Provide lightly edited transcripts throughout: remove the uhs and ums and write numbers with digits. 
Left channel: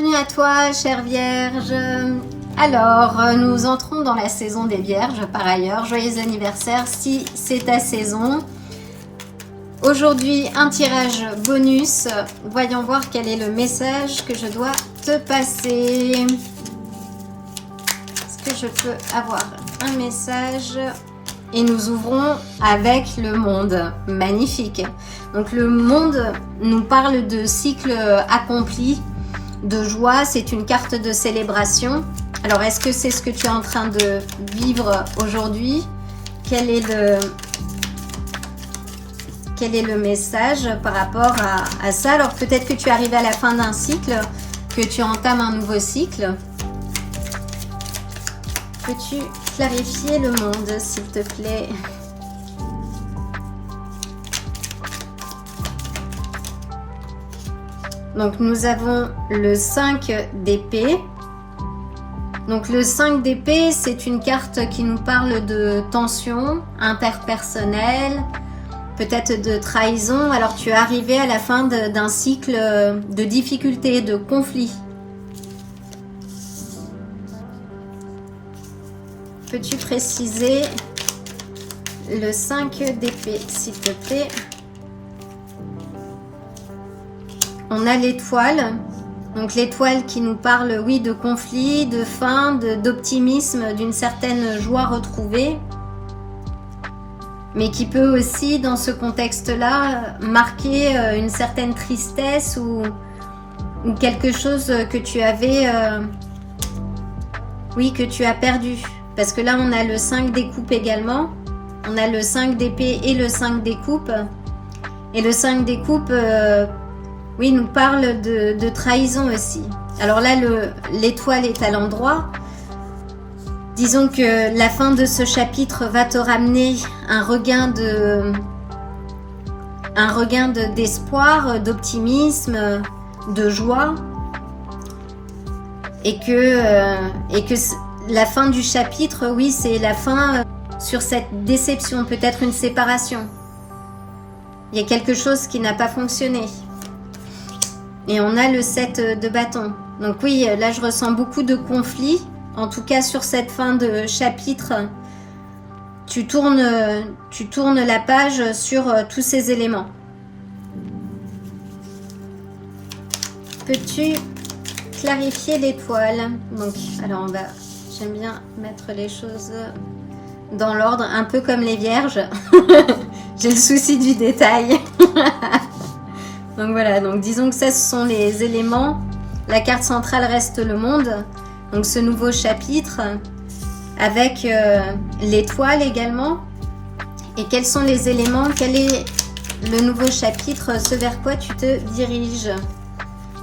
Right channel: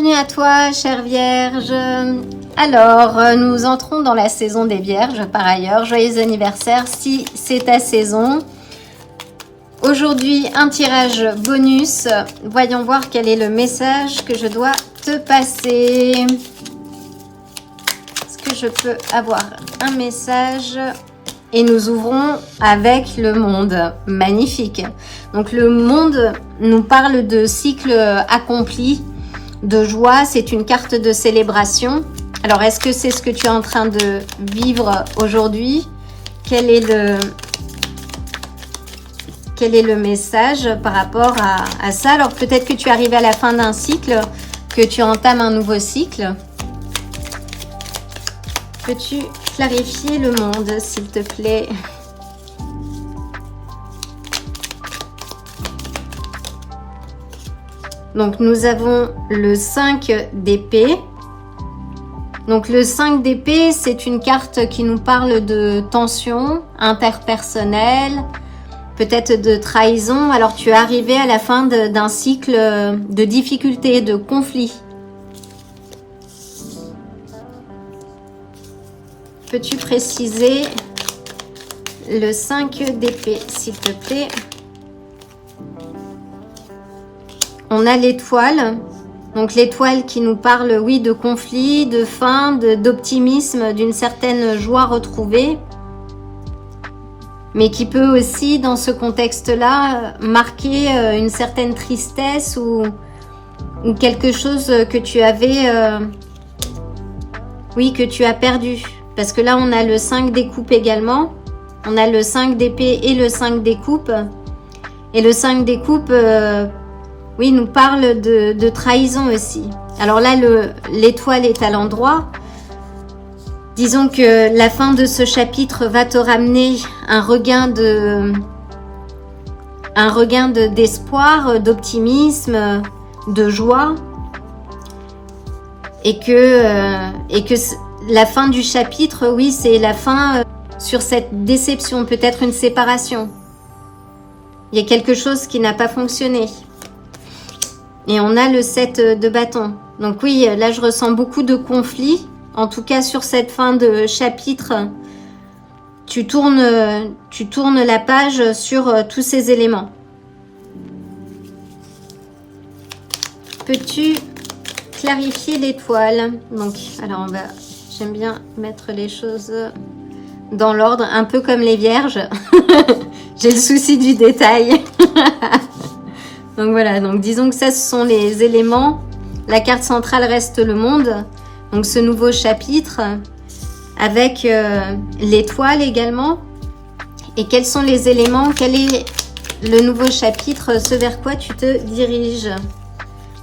Bienvenue à toi, chère Vierge. Alors, nous entrons dans la saison des Vierges, par ailleurs. Joyeux anniversaire si c'est ta saison. Aujourd'hui, un tirage bonus. Voyons voir quel est le message que je dois te passer. Est-ce que je peux avoir un message ? Et nous ouvrons avec le monde. Magnifique. Donc le monde nous parle de cycle accompli, de joie. C'est une carte de célébration. Alors est-ce que c'est ce que tu es en train de vivre aujourd'hui? Quel est le message par rapport à ça? Alors peut-être que tu es arrivé à la fin d'un cycle, que tu entames un nouveau cycle. Peux-tu clarifier le monde, s'il te plaît? Donc nous avons le 5 d'épée. Donc le 5 d'épée, c'est une carte qui nous parle de tension interpersonnelle, peut-être de trahison. Alors tu es arrivé à la fin d'un cycle de difficultés, de conflits. Peux-tu préciser le 5 d'épée, s'il te plaît? On a l'étoile. Donc l'étoile qui nous parle, oui, de conflit, de fin, d'optimisme, d'une certaine joie retrouvée. Mais qui peut aussi, dans ce contexte-là, marquer une certaine tristesse ou quelque chose que tu avais, oui, que tu as perdu. Parce que là, on a le 5 des coupes également. On a le 5 d'épée et le 5 des coupes. Et le 5 des coupes, oui, nous parle de trahison aussi. Alors là, l'étoile est à l'endroit. Disons que la fin de ce chapitre va te ramener un regain d'espoir, d'optimisme, de joie. Et que la fin du chapitre, oui, c'est la fin sur cette déception, peut-être une séparation. Il y a quelque chose qui n'a pas fonctionné. Et on a le 7 de bâton. Donc oui, là je ressens beaucoup de conflits. En tout cas sur cette fin de chapitre, tu tournes la page sur tous ces éléments. Peux-tu clarifier l'étoile? Donc, alors j'aime bien mettre les choses dans l'ordre, un peu comme les vierges. J'ai le souci du détail. Donc voilà, donc disons que ça, ce sont les éléments. La carte centrale reste le monde. Donc ce nouveau chapitre avec l'étoile également. Et quels sont les éléments? Quel est le nouveau chapitre? Ce vers quoi tu te diriges?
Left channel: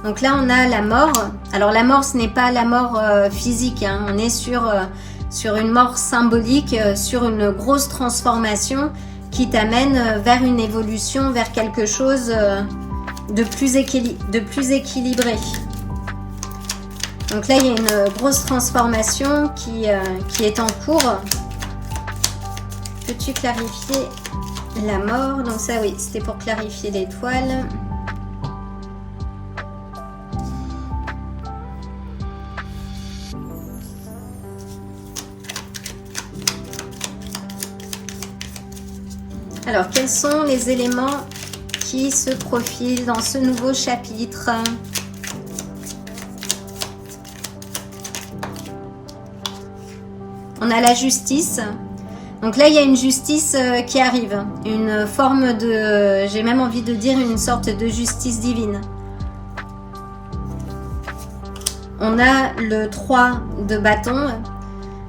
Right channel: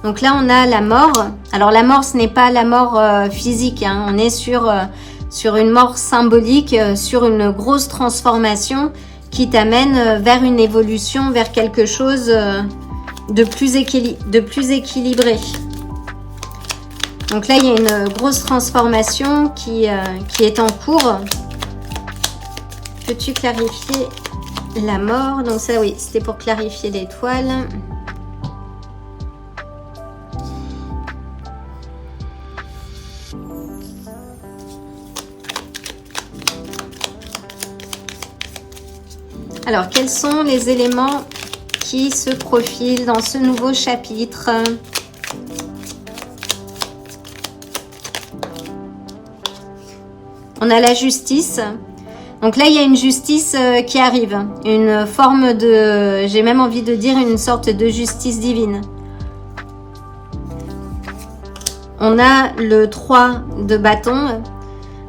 Donc là, on a la mort. Alors la mort, ce n'est pas la mort physique, hein. On est sur une mort symbolique, sur une grosse transformation qui t'amène vers une évolution, vers quelque chose de plus équilibré. Donc là, il y a une grosse transformation qui est en cours. Peux-tu clarifier la mort? Donc ça, oui, c'était pour clarifier l'étoile. Alors, quels sont les éléments qui se profilent dans ce nouveau chapitre? On a la justice. Donc là, il y a une justice qui arrive. Une forme de, j'ai même envie de dire, une sorte de justice divine. On a le 3 de bâton.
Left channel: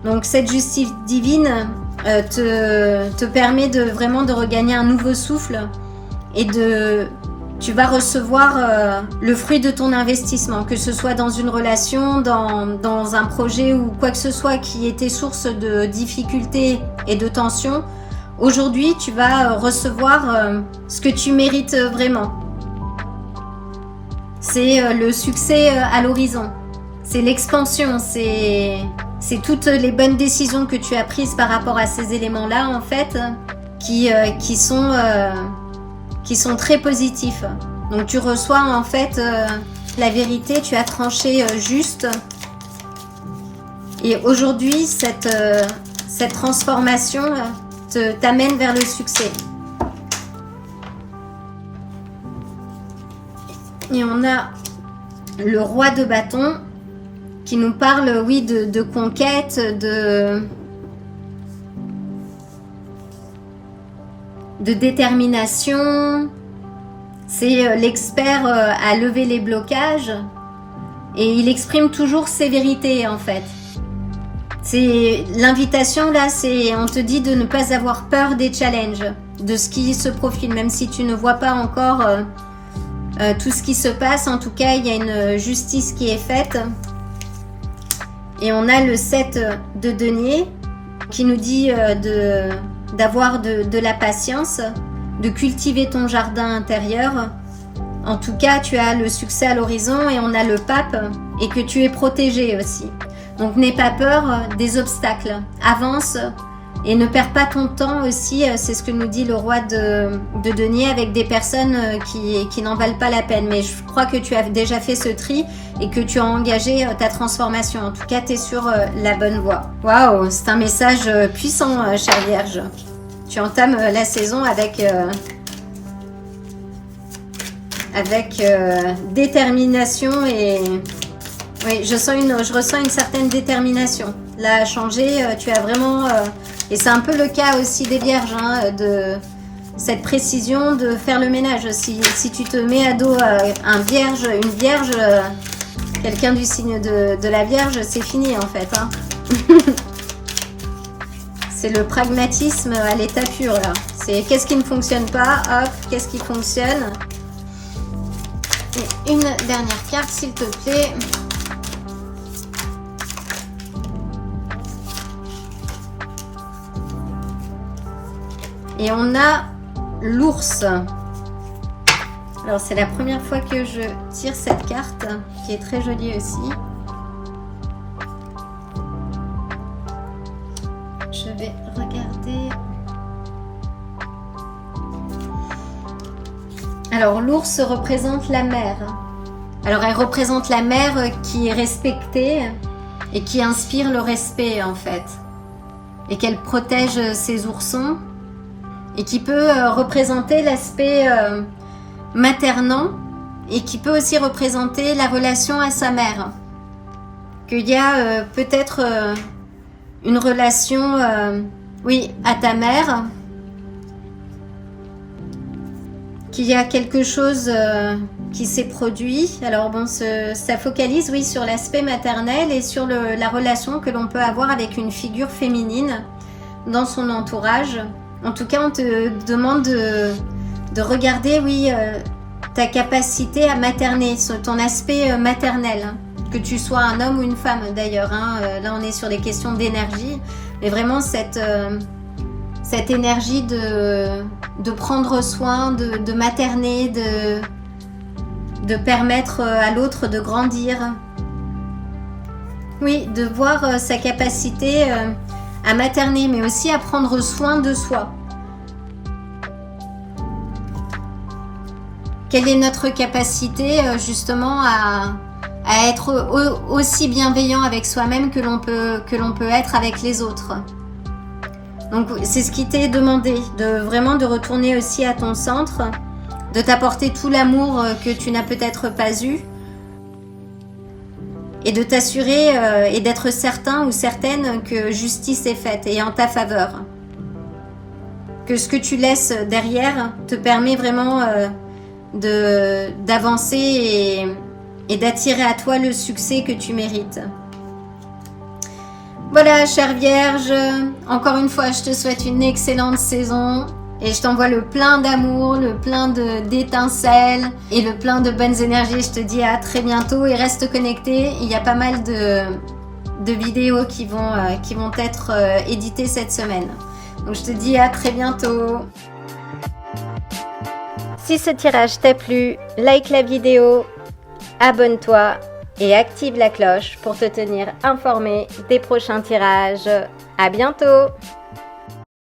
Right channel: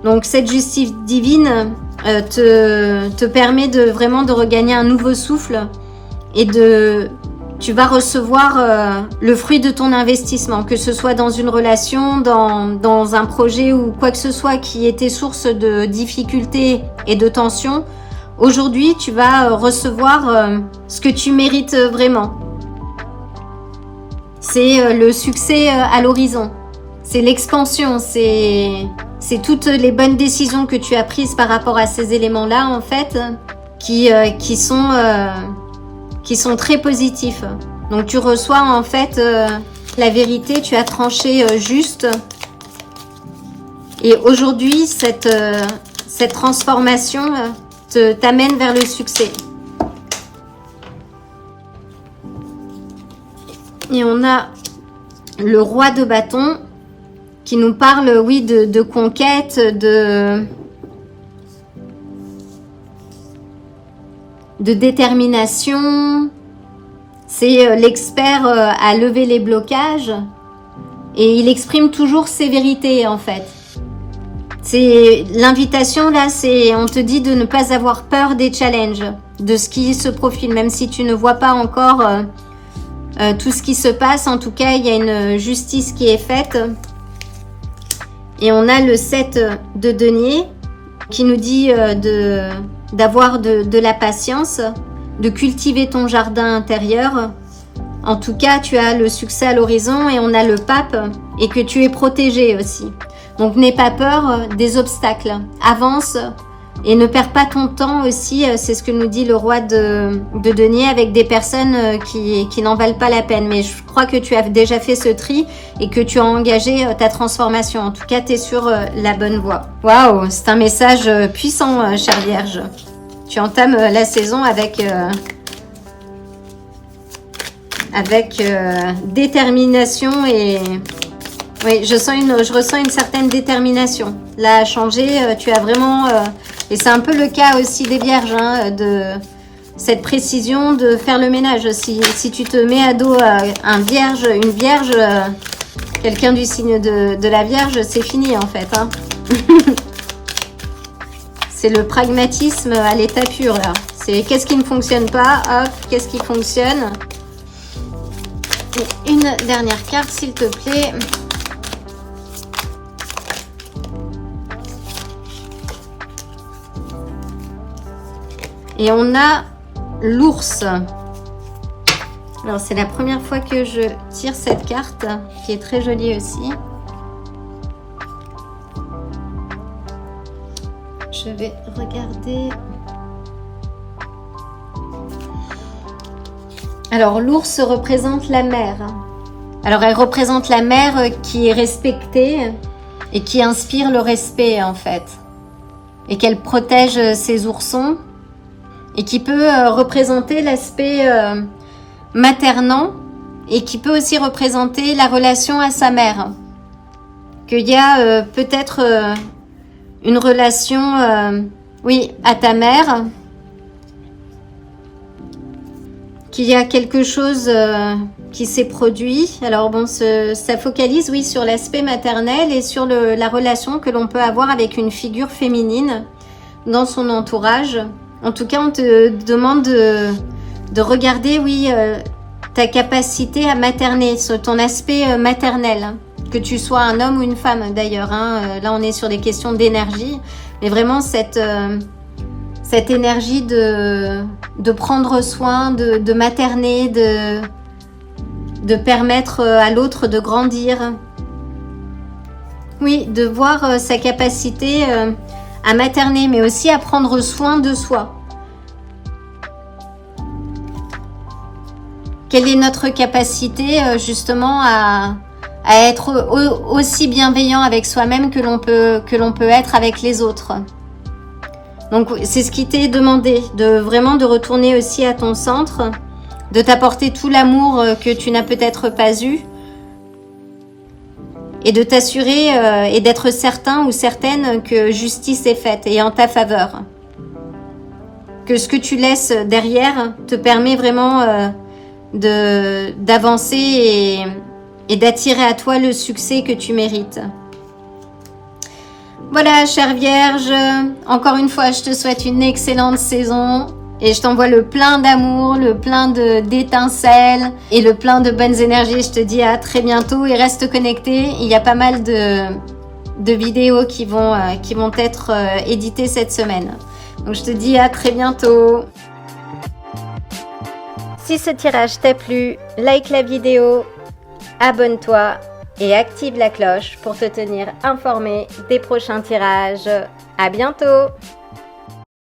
Donc cette justice divine te permet vraiment de regagner un nouveau souffle et tu vas recevoir le fruit de ton investissement, que ce soit dans une relation, dans un projet ou quoi que ce soit qui était source de difficultés et de tensions. Aujourd'hui, tu vas recevoir ce que tu mérites vraiment. C'est le succès à l'horizon. C'est l'expansion, c'est toutes les bonnes décisions que tu as prises par rapport à ces éléments-là, en fait, qui sont très positifs. Donc tu reçois en fait la vérité, tu as tranché juste. Et aujourd'hui, cette transformation t'amène vers le succès. Et on a le roi de bâton qui nous parle, oui, de conquête, de détermination. C'est l'expert à lever les blocages et il exprime toujours ses vérités en fait. C'est l'invitation là, c'est on te dit de ne pas avoir peur des challenges, de ce qui se profile, même si tu ne vois pas encore tout ce qui se passe. En tout cas, il y a une justice qui est faite. Et on a le 7 de denier qui nous dit d'avoir de la patience, de cultiver ton jardin intérieur. En tout cas, tu as le succès à l'horizon et on a le pape et que tu es protégé aussi. Donc, n'aie pas peur des obstacles. Avance et ne perds pas ton temps aussi. C'est ce que nous dit le roi de denier avec des personnes qui n'en valent pas la peine. Mais je crois que tu as déjà fait ce tri et que tu as engagé ta transformation. En tout cas, tu es sur la bonne voie. Waouh, c'est un message puissant, chère Vierge. Tu entames la saison avec détermination et oui, je ressens une certaine détermination. Là, à changer, tu as vraiment et c'est un peu le cas aussi des Vierges, hein, de cette précision de faire le ménage. Si tu te mets à dos une Vierge, quelqu'un du signe de la Vierge, c'est fini en fait. Hein. C'est le pragmatisme à l'état pur là. C'est qu'est-ce qui ne fonctionne pas, hop, qu'est-ce qui fonctionne. Et une dernière carte s'il te plaît. Et on a l'ours. Alors c'est la première fois que je tire cette carte qui est très jolie aussi. Je vais regarder. Alors l'ours représente la mère. Alors elle représente la mère qui est respectée et qui inspire le respect en fait. Et qu'elle protège ses oursons. Et qui peut représenter l'aspect maternant et qui peut aussi représenter la relation à sa mère. Qu'il y a peut-être une relation, oui, à ta mère, qu'il y a quelque chose qui s'est produit. Alors bon, ça focalise, oui, sur l'aspect maternel et sur la relation que l'on peut avoir avec une figure féminine dans son entourage. En tout cas, on te demande de regarder, oui, ta capacité à materner, sur ton aspect maternel. Que tu sois un homme ou une femme d'ailleurs. Hein. Là, on est sur des questions d'énergie. Mais vraiment, cette énergie de prendre soin, de materner, de permettre à l'autre de grandir. Oui, de voir sa capacité à materner, mais aussi à prendre soin de soi. Quelle est notre capacité justement à être aussi bienveillant avec soi-même que l'on peut être avec les autres. Donc c'est ce qui t'est demandé, vraiment de retourner aussi à ton centre, de t'apporter tout l'amour que tu n'as peut-être pas eu et de t'assurer et d'être certain ou certaine que justice est faite et en ta faveur. Que ce que tu laisses derrière te permet vraiment d'avancer et d'attirer à toi le succès que tu mérites. Voilà, chère Vierge, encore une fois, je te souhaite une excellente saison et je t'envoie le plein d'amour, le plein d'étincelles et le plein de bonnes énergies. Je te dis à très bientôt et reste connecté. Il y a pas mal de vidéos qui vont être éditées cette semaine. Donc je te dis à très bientôt. Si ce tirage t'a plu, like la vidéo, abonne-toi et active la cloche pour te tenir informé des prochains tirages. À bientôt!